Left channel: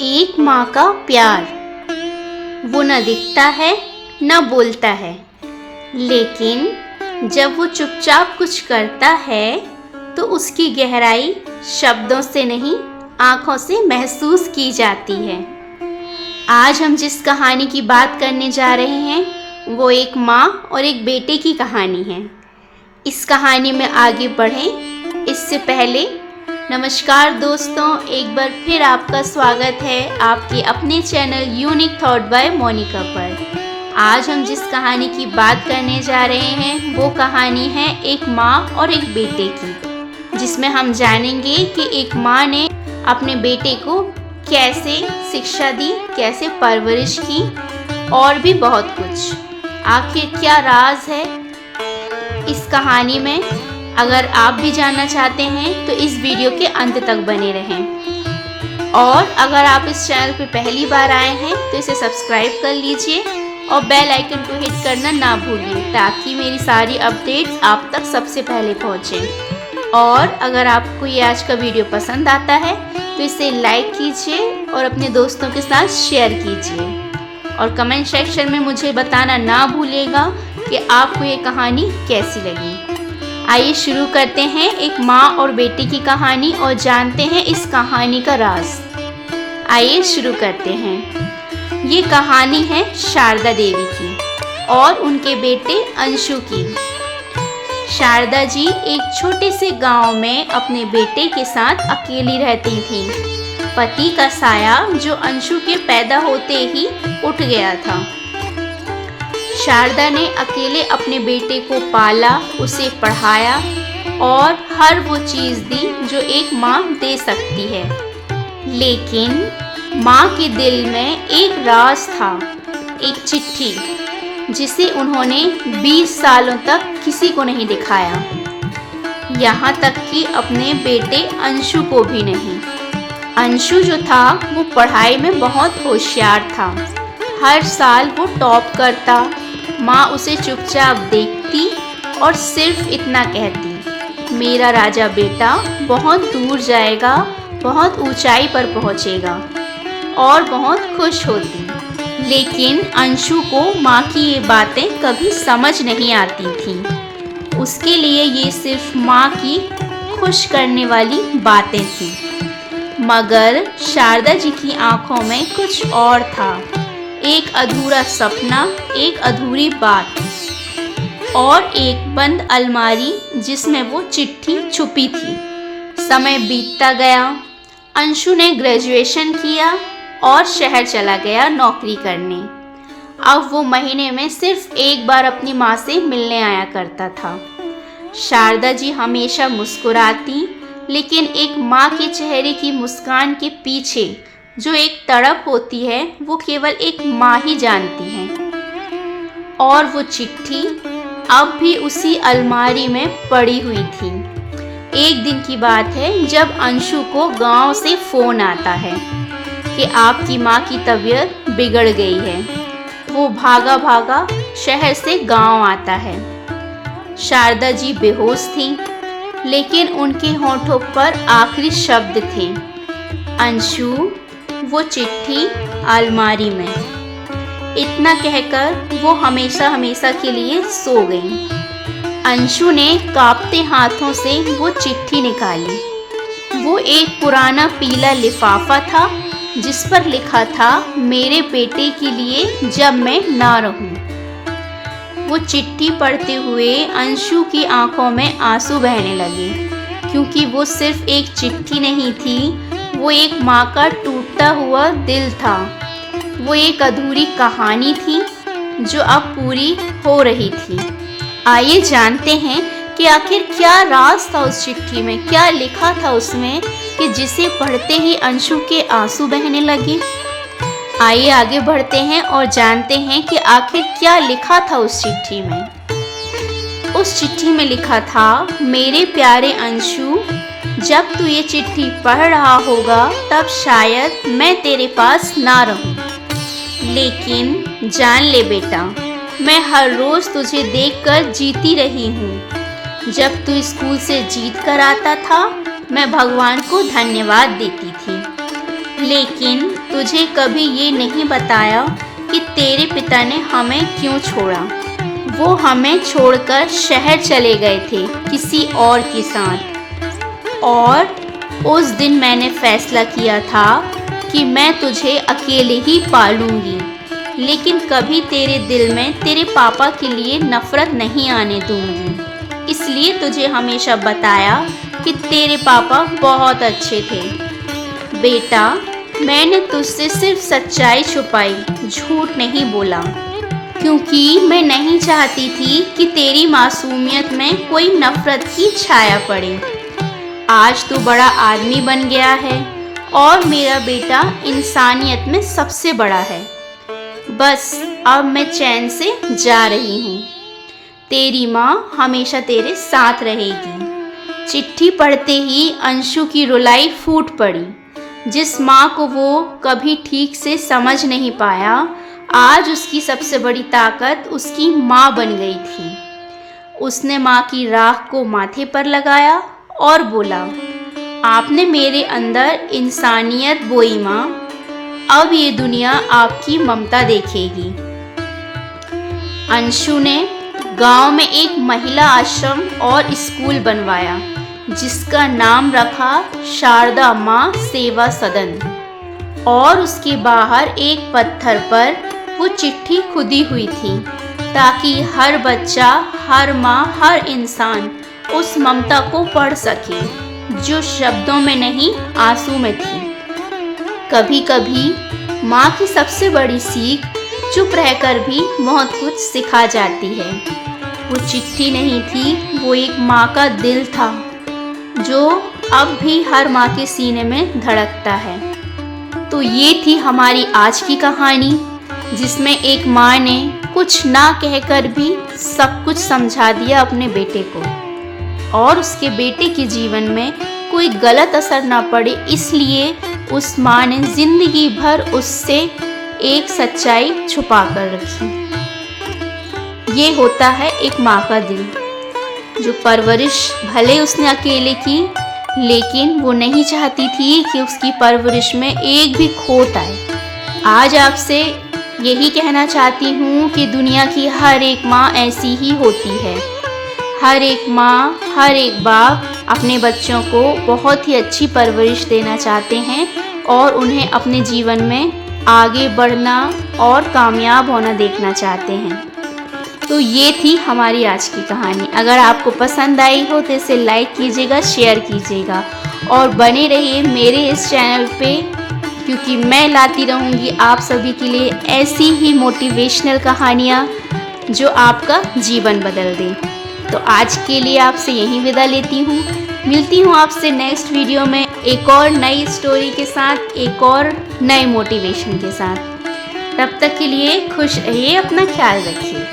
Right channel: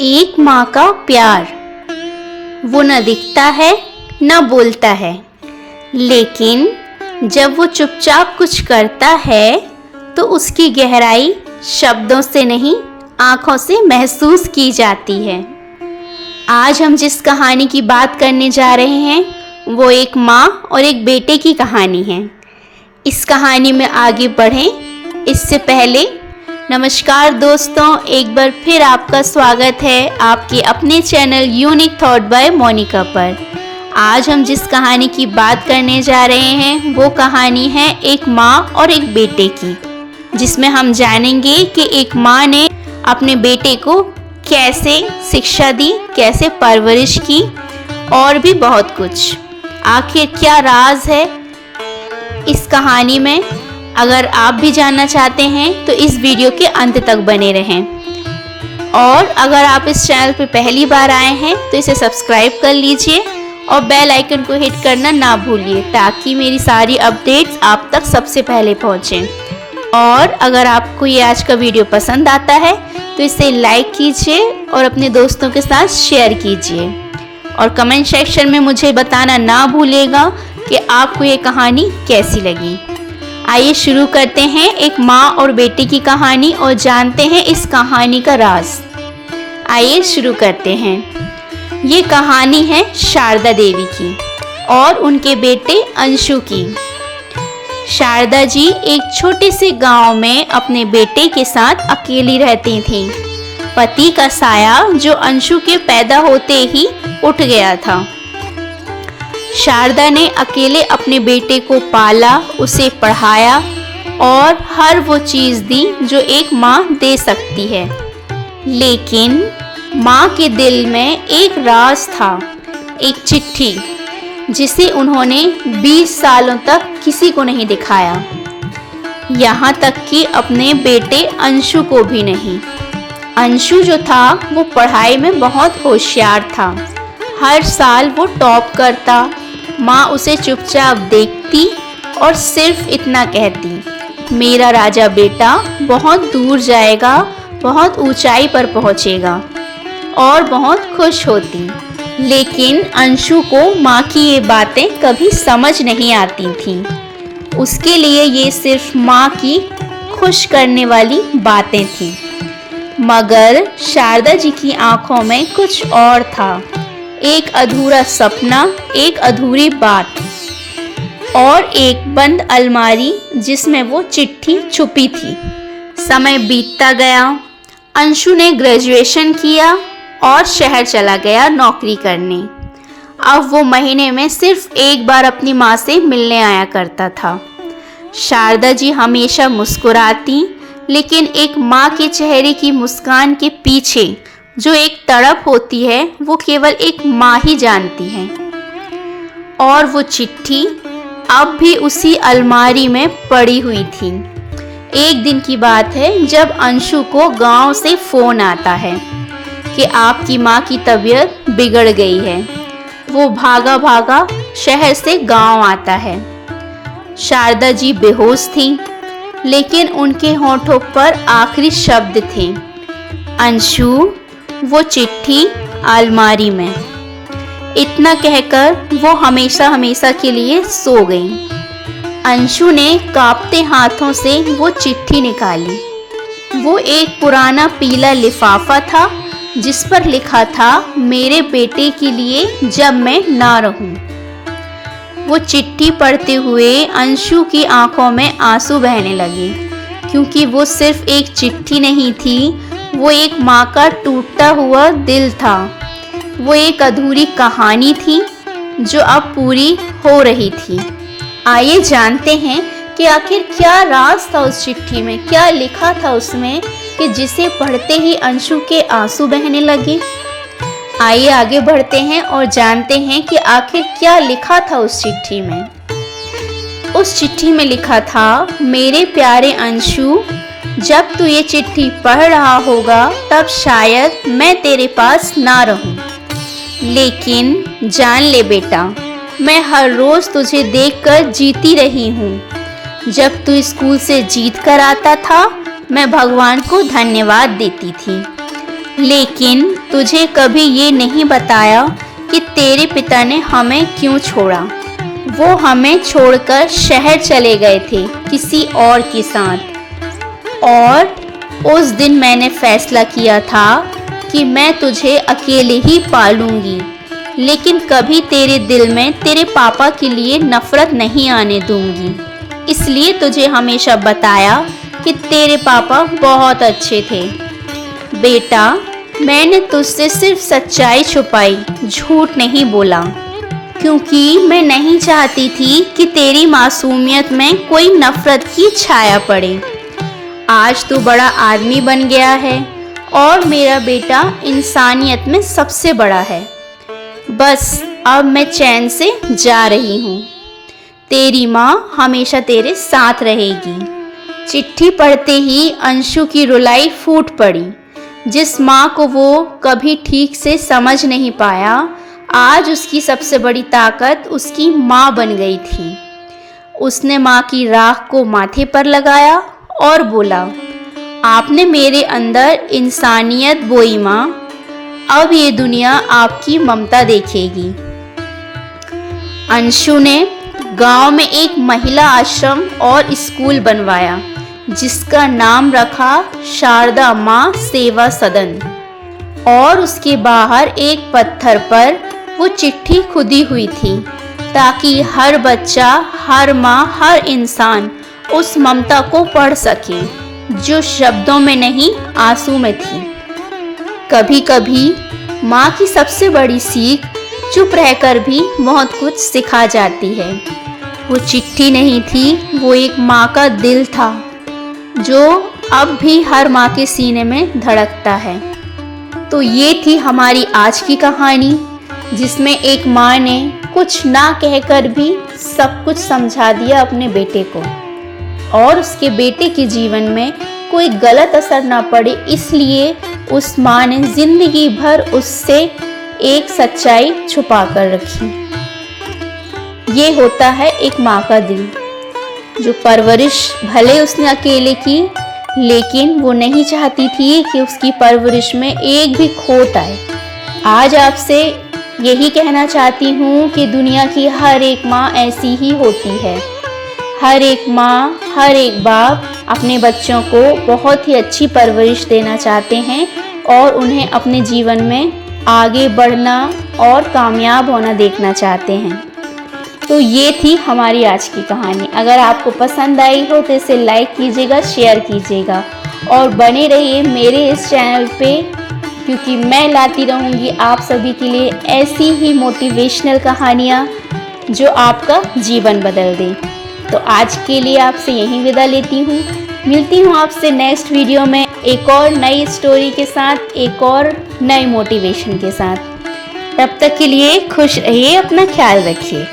एक माँ का प्यार, वो न दिखता है न बोलता है, लेकिन जब वो चुपचाप कुछ करता है तो उसकी गहराई शब्दों से नहीं, आँखों से महसूस की जाती है। आज हम जिस कहानी की बात करने जा रहे हैं वो एक माँ और एक बेटे की कहानी है। इस कहानी में आगे बढ़ें इससे पहले नमस्कार दोस्तों, एक बार फिर आपका स्वागत है आपके अपने channel unique thought by Monica पर। आज हम जिस कहानी की बात करने जा रहे हैं वो कहानी है एक माँ और एक बेटे की, जिसमें हम जानेंगे कि एक माँ ने अपने बेटे को कैसे शिक्षा दी, कैसे परवरिश की और भी बहुत कुछ। आखिर क्या राज है इस कहानी में, अगर आप भी जानना चाहते हैं तो इस वीडियो के अंत तक बने रहें। और अगर आप इस चैनल पर पहली बार आए हैं तो इसे सब्सक्राइब कर लीजिए और बेल आइकन को हिट करना ना भूलिए, ताकि मेरी सारी अपडेट्स आप तक सबसे पहले पहुंचें। और अगर आपको ये आज का वीडियो पसंद आता है तो इसे लाइक कीजिए और अपने दोस्तों के साथ शेयर कीजिए और कमेंट सेक्शन में मुझे बताना ना भूलिएगा कि आपको ये कहानी कैसी लगी। आइए शुरू करते हैं एक माँ और बेटे की कहानी और जानते हैं इस कहानी का राज। आइए शुरू करते हैं। ये कहानी है शारदा देवी की और उनके बेटे अंशु की। शारदा जी एक छोटे से गांव में अपने बेटे के साथ अकेली रहती थीं। पति का साया जो अंशु के पैदा होते ही उठ गया था। शारदा ने अकेले अपने बेटे को पाला, उसे पढ़ाया और हर वो चीज़ दी जो एक माँ दे सकती है। लेकिन माँ के दिल में एक राज था, एक चिट्ठी जिसे उन्होंने 20 सालों तक किसी को नहीं दिखाया, यहाँ तक कि अपने बेटे अंशु को भी नहीं। अंशु जो था वो पढ़ाई में बहुत होशियार था। हर साल वो टॉप करता। माँ उसे चुपचाप देखती और सिर्फ इतना कहती, मेरा राजा बेटा बहुत दूर जाएगा, बहुत ऊंचाई पर पहुँचेगा, और बहुत खुश होती। लेकिन अंशु को माँ की ये बातें कभी समझ नहीं आती थीं। उसके लिए ये सिर्फ माँ की खुश करने वाली बातें थीं। मगर शारदा जी की आंखों में कुछ और था, एक अधूरा सपना, एक अधूरी बात और एक बंद अलमारी जिसमें वो चिट्ठी छुपी थी। समय बीतता गया। अंशु ने ग्रेजुएशन किया और शहर चला गया नौकरी करने। अब वो महीने में सिर्फ एक बार अपनी माँ से मिलने आया करता था। शारदा जी हमेशा मुस्कुराती, लेकिन एक माँ के चेहरे की मुस्कान के पीछे जो एक तड़प होती है वो केवल एक माँ ही जानती है। और वो चिट्ठी अब भी उसी अलमारी में पड़ी हुई थी। एक दिन की बात है जब अंशु को गांव से फ़ोन आता है कि आपकी माँ की तबीयत बिगड़ गई है। वो भागा भागा शहर से गांव आता है। शारदा जी बेहोश थी, लेकिन उनके होठों पर आखिरी शब्द थे, अंशु। वो चिट्ठी अलमारी में। इतना कहकर वो हमेशा हमेशा के लिए सो गई। अंशु ने कांपते हाथों से वो चिट्ठी निकाली। वो एक पुराना पीला लिफाफा था जिस पर लिखा था, मेरे बेटे के लिए जब मैं ना रहूं। वो चिट्ठी पढ़ते हुए अंशु की आंखों में आंसू बहने लगे, क्योंकि वो सिर्फ एक चिट्ठी नहीं थी, वो एक माँ का टूटता हुआ दिल था। वो एक अधूरी कहानी थी जो अब पूरी हो रही थी। आइए जानते हैं कि आखिर क्या राज था उस चिट्ठी में, क्या लिखा था उसमें कि जिसे पढ़ते ही अंशु के आंसू बहने लगे। आइए आगे बढ़ते हैं और जानते हैं कि आखिर क्या लिखा था उस चिट्ठी में। उस चिट्ठी में लिखा था, मेरे प्यारे अंशु, जब तू ये चिट्ठी पढ़ रहा होगा तब शायद मैं तेरे पास ना रहूं। लेकिन जान ले बेटा, मैं हर रोज़ तुझे देखकर जीती रही हूँ। जब तू स्कूल से जीत कर आता था मैं भगवान को धन्यवाद देती थी, लेकिन तुझे कभी ये नहीं बताया कि तेरे पिता ने हमें क्यों छोड़ा। वो हमें छोड़कर शहर चले गए थे किसी और के साथ, और उस दिन मैंने फैसला किया था कि मैं तुझे अकेले ही पालूंगी, लेकिन कभी तेरे दिल में तेरे पापा के लिए नफरत नहीं आने दूंगी। इसलिए तुझे हमेशा बताया कि तेरे पापा बहुत अच्छे थे। बेटा, मैंने तुझसे सिर्फ सच्चाई छुपाई, झूठ नहीं बोला, क्योंकि मैं नहीं चाहती थी कि तेरी मासूमियत में कोई नफरत की छाया पड़े। आज तू बड़ा आदमी बन गया है और मेरा बेटा इंसानियत में सबसे बड़ा है। बस अब मैं चैन से जा रही हूँ। तेरी माँ हमेशा तेरे साथ रहेगी। चिट्ठी पढ़ते ही अंशु की रुलाई फूट पड़ी। जिस माँ को वो कभी ठीक से समझ नहीं पाया, आज उसकी सबसे बड़ी ताकत उसकी माँ बन गई थी। उसने माँ की राख को माथे पर लगाया और बोला, आपने मेरे अंदर इंसानियत बोई माँ, अब ये दुनिया आपकी ममता देखेगी। अंशु ने गांव में एक महिला आश्रम और स्कूल बनवाया, जिसका नाम रखा शारदा माँ सेवा सदन, और उसके बाहर एक पत्थर पर वो चिट्ठी खुदी हुई थी, ताकि हर बच्चा, हर माँ, हर इंसान उस ममता को पढ़ सके, जो शब्दों में नहीं आंसू में थी। कभी कभी माँ की सबसे बड़ी सीख चुप रहकर भी बहुत कुछ सिखा जाती है। वो चिट्ठी नहीं थी, वो एक माँ का दिल था, जो अब भी हर माँ के सीने में धड़कता है। तो ये थी हमारी आज की कहानी, जिसमें एक माँ ने कुछ ना कहकर भी सब कुछ समझा दिया अपने बेटे को, और उसके बेटे के जीवन में कोई गलत असर ना पड़े, इसलिए उस माँ ने जिंदगी भर उससे एक सच्चाई छुपा कर रखी। ये होता है एक माँ का दिल, जो परवरिश भले उसने अकेले की, लेकिन वो नहीं चाहती थी कि उसकी परवरिश में एक भी खोट आए। आज आपसे यही कहना चाहती हूँ कि दुनिया की हर एक माँ ऐसी ही होती है। हर एक माँ, हर एक बाप अपने बच्चों को बहुत ही अच्छी परवरिश देना चाहते हैं और उन्हें अपने जीवन में आगे बढ़ना और कामयाब होना देखना चाहते हैं। तो ये थी हमारी आज की कहानी। अगर आपको पसंद आई हो तो इसे लाइक कीजिएगा, शेयर कीजिएगा और बने रहिए मेरे इस चैनल पे, क्योंकि मैं लाती रहूँगी आप सभी के लिए ऐसी ही मोटिवेशनल कहानियाँ जो आपका जीवन बदल दे। तो आज के लिए आपसे यहीं विदा लेती हूँ। मिलती हूँ आपसे नेक्स्ट वीडियो में एक और नई स्टोरी के साथ, एक और नए मोटिवेशन के साथ। तब तक के लिए खुश रहिए, अपना ख्याल रखिए।